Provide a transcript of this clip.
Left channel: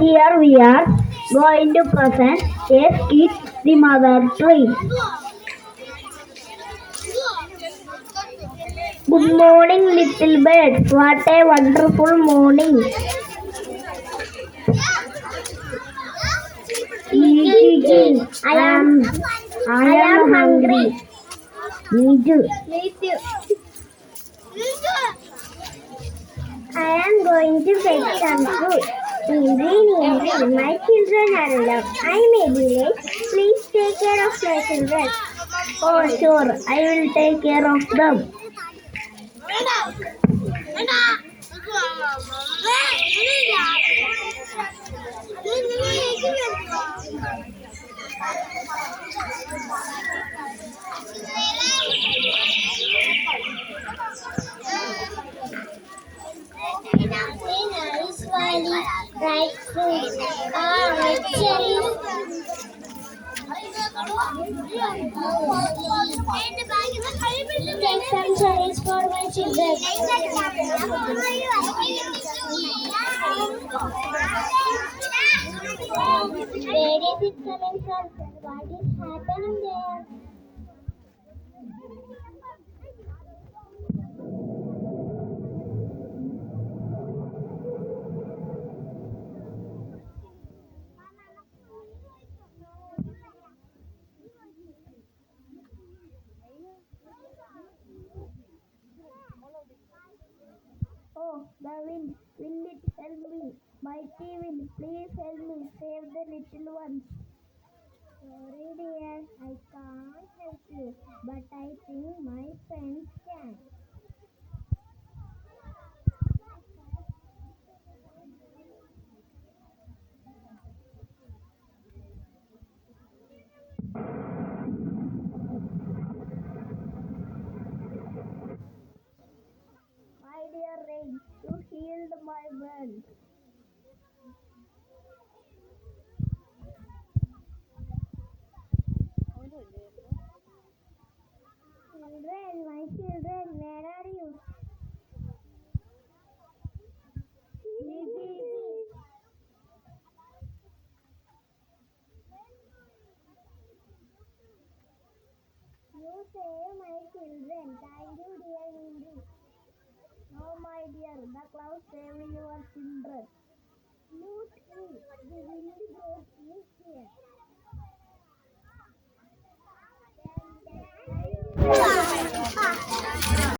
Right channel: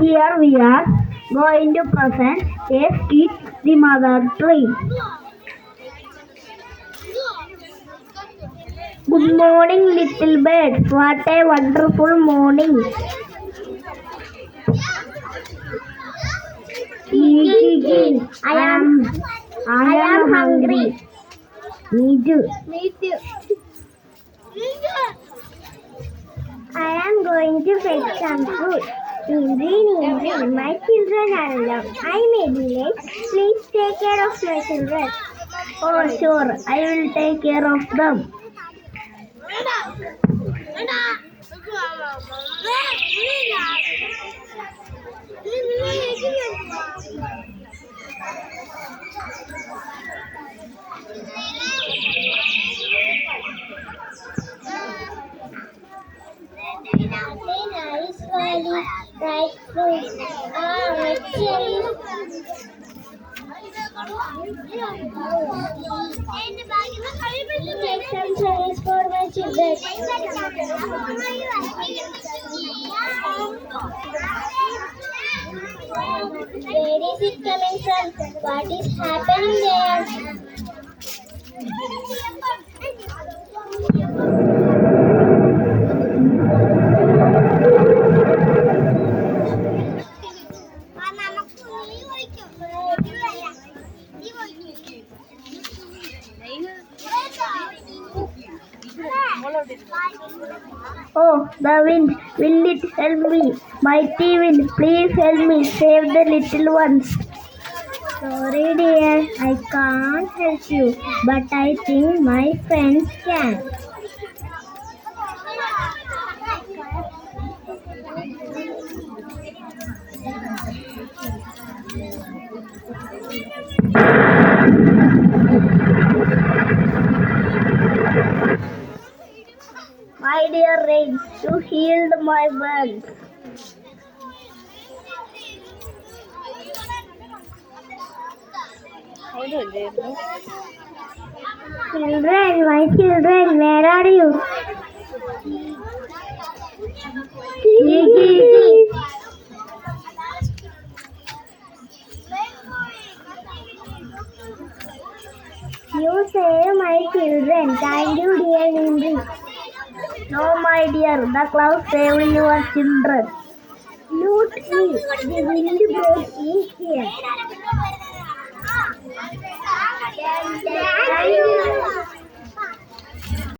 Here we are going to present a skit, The Mother Tree. Good morning, little birds. What a wonderful morning. Gee, I am hungry. Me too. I am going to fetch some food. Indri, my children are loved. I may be late. Please take care of my children. Oh, sure, I will take care of them. Nice valley, bright fruits, red cherries. Take some cherries for my children. Where is it coming from? What is happening there? Oh, the wind, will it help me? Mighty wind, please help me, save the little ones. Sorry dear, I can't help you, but I think my friends can. My dear rain, you healed my burns. Children, my children, where are you? Gigi. You save my children. Thank you, dear Indri. No, my dear, the clouds saved your children. Look me, the wind brought me here. Thank you.